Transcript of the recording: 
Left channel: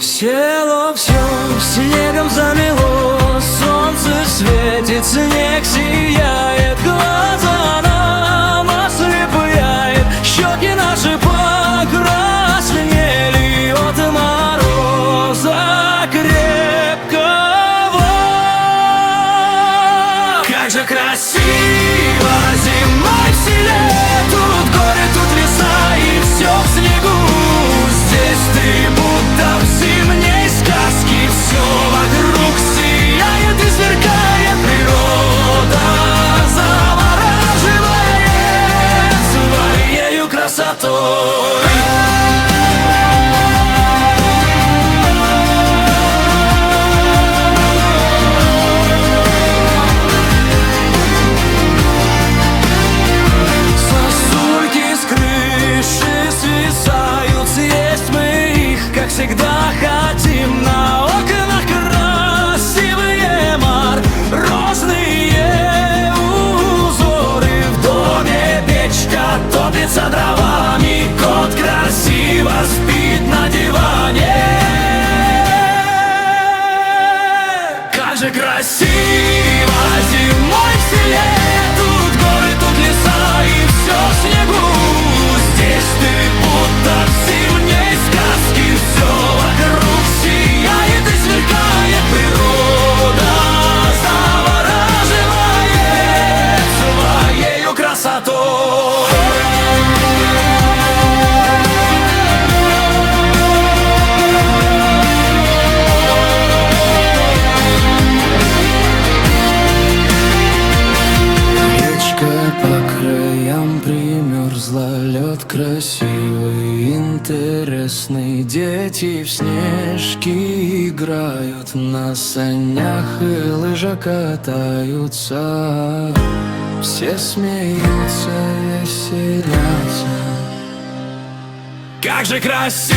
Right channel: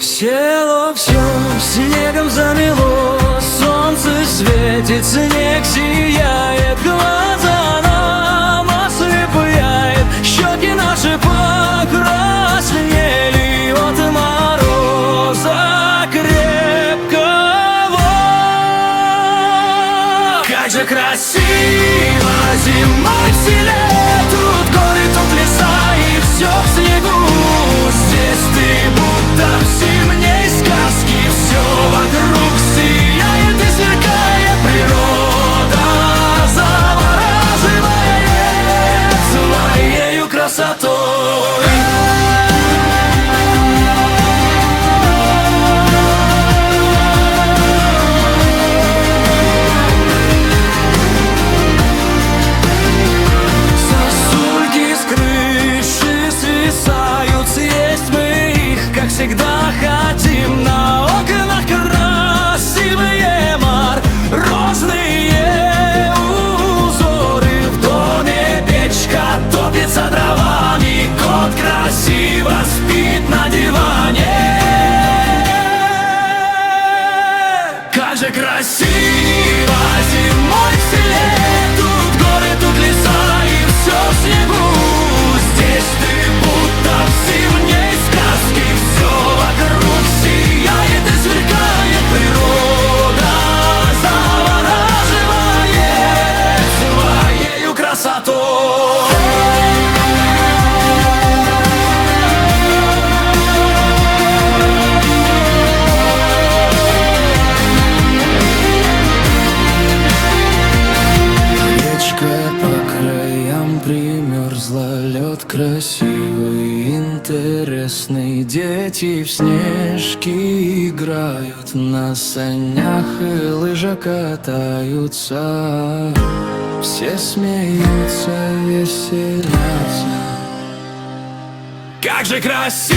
Село все снегом замело, солнце светит, снег сияет, глаза нам ослепляет, щеки наши покраснели от мороза крепкого. Как же красиво зимой в селе, тут горы, тут леса и все в снегу. Здесь ты будто в зимней сказке, все вокруг сияет и сверкает природа, завораживает своею красотой. Сосульки с крыши свисают, съесть мы их, как всегда, хотим. На окнах красивые морозные узоры, в доме печка топится дровами, кот красиво спит на диване. Как же красиво зимой в селе, тут горы, тут леса и все в снегу. Здесь ты будто в зимней сказке, все вокруг сияет и сверкает природа, завораживает своею красотой. Речка по краям примерзла, лед красивый, интересный. Дети в снежки играют, на санях и лыжах катаются. Все смеются, веселятся. Как же красиво